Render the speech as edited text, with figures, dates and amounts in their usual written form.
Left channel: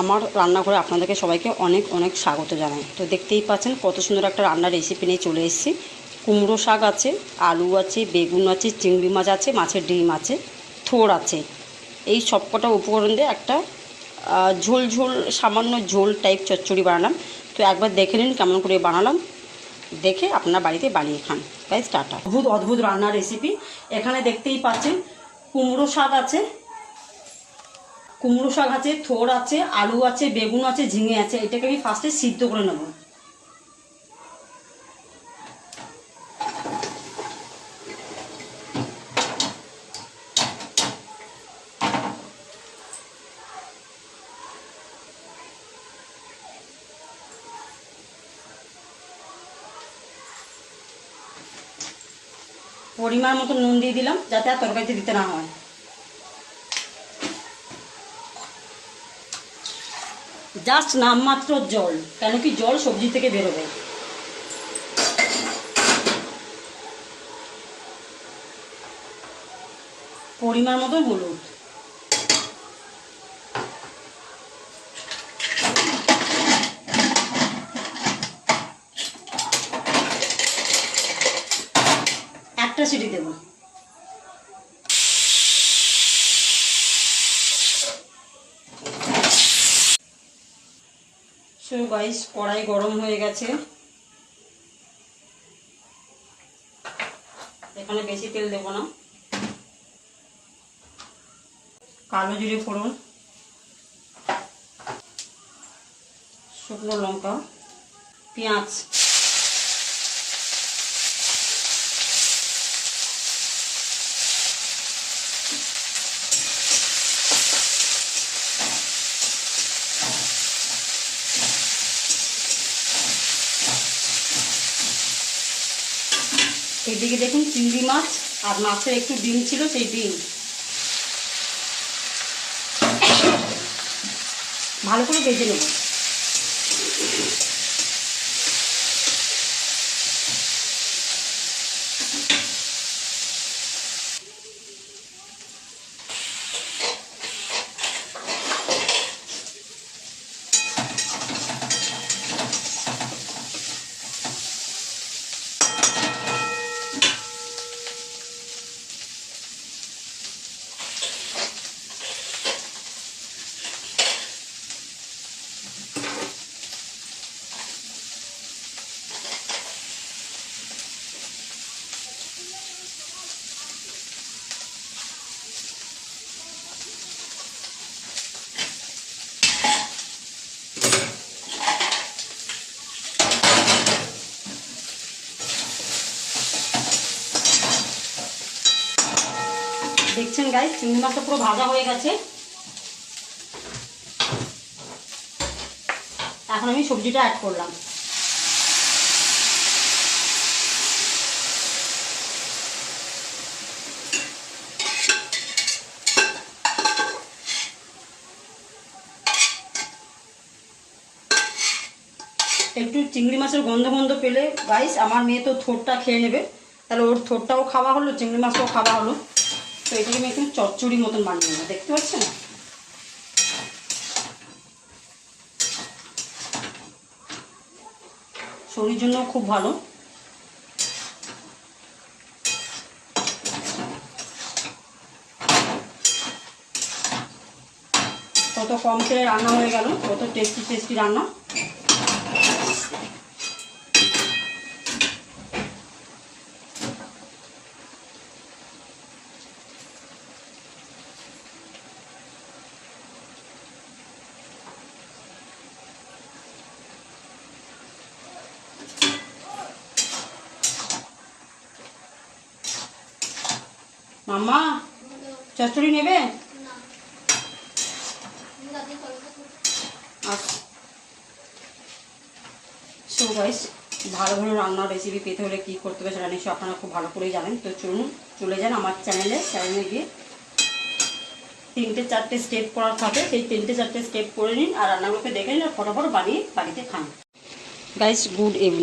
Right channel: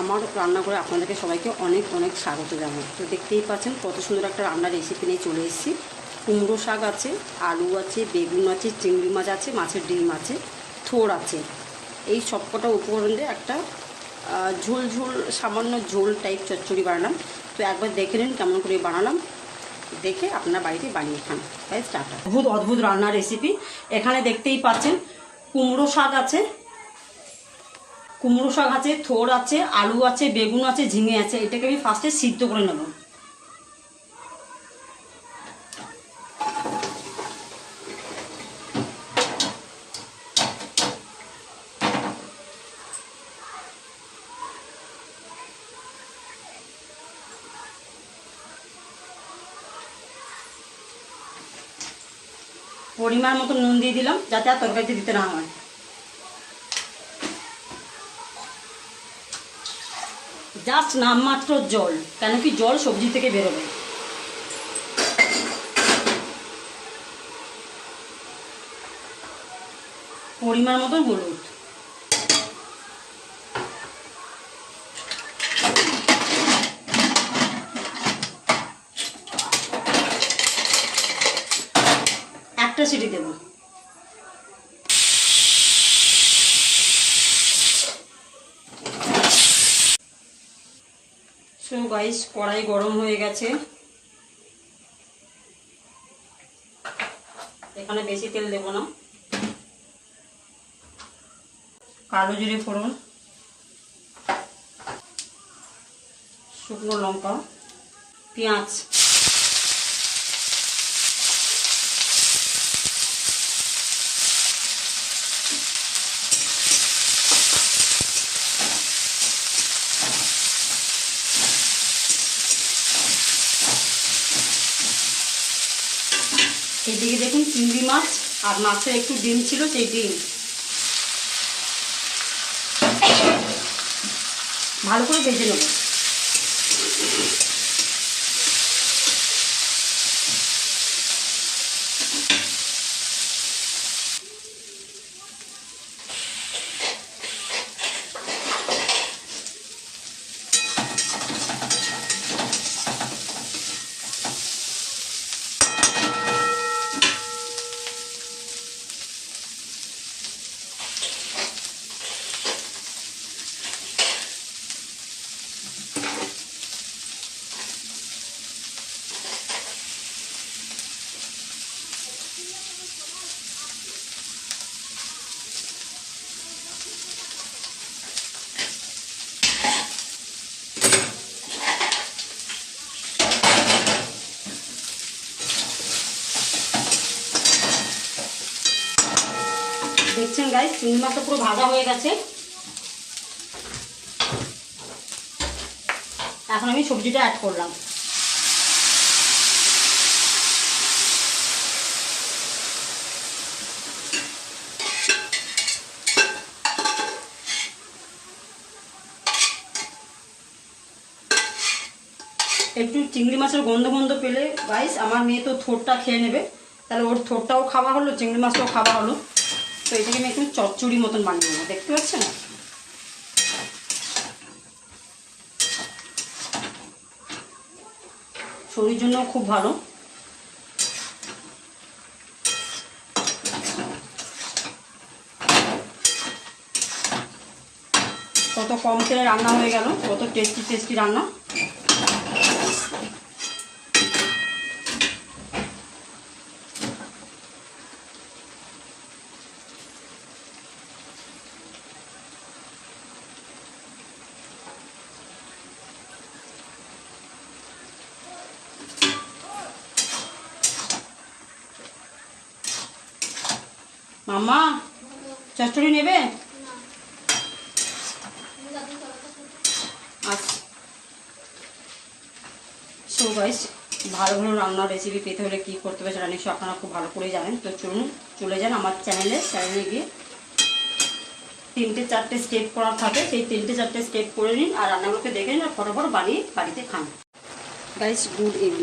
আমার রান্নাঘরে আপনাদেরকে সবাইকে অনেক অনেক স্বাগত জানাই। তো দেখতেই পাচ্ছেন কত সুন্দর একটা রান্নার রেসিপি নিয়ে চলে এসেছি। কুমড়ো শাক আছে, আলু আছে, বেগুন আছে, চিংড়ি মাছ আছে, মাছের ডিম আছে, থোড় আছে। এই সবকটা উপকরণ দিয়ে একটা ঝোল ঝোল সামান্য ঝোল টাইপ চচ্চড়ি বানালাম। তো একবার দেখে নিন কেমন করে বানালাম, দেখে আপনার বাড়িতে বানিয়ে খান। তাই স্টার্টার অদ্ভুত অদ্ভুত রান্নার রেসিপি। এখানে দেখতেই পাচ্ছেন কুমড়ো শাক আছে, থোড় আছে, আলু আছে, বেগুন আছে, ঝিঙে আছে। এটাকে আমি ফার্স্টে সিদ্ধ করে নেব। পরিমাণ মতো নুন দিয়ে দিলাম যাতে আর তরকারিতে দিতে না হয়। জাস্ট নামমাত্র জল, কেন কি জল সবজি থেকে বেরোবে। পরিমাণ মতো হলুদ, একটা সিটি দেব। সো গাইস, কড়াই গরম হয়ে গেছে। এখানে বেশি তেল দেব না। কালো জিরে ফোড়ন, শুকনো লঙ্কা, পেঁয়াজ, এদিকে দেখুন চিংড়ি মাছ আর মাছের একটু ডিম ছিল, সেই ডিম ভালো করে ভেজে নেব। দেখছেন গাইস, চিংড়ি মাছটা পুরো ভাজা হয়ে গেছে। এখন আমি সবজিটা অ্যাড করলাম। একটু চিংড়ি মাছের গন্ধ গন্ধ পেলে গাইস, আমার মেয়ে তো থোড়টা খেয়ে নেবে, তাহলে ওর থোড়টাও খাওয়া হলো, চিংড়ি মাছটাও খাওয়া হলো। তো এটাকে আমি একটু চচ্চড়ি মতন বানিয়ে নেবো, দেখতে পাচ্ছেন না? শরীরের জন্য খুব ভালো। কত কম তেলে রান্না হয়ে গেল, কত টেস্টি টেস্টি রান্না। মাম্মা, চচ্চড়ি নেবে? আচ্ছা। সো গাইস, ভালো ভালো রান্নার রেসিপি পেতে হলে কী করতে হবে সেটা নিশ্চয়ই আপনারা খুব ভালো করেই জানেন। তো চলুন চলে যান আমার চ্যানেলে গিয়ে 3-4টে স্টেপ করার থাকে, সেই 3-4টে স্টেপ করে নিন আর রান্নাগুলোকে দেখে নিন আর ফটাফট বানিয়ে বাড়িতে খান। Guys, good evening.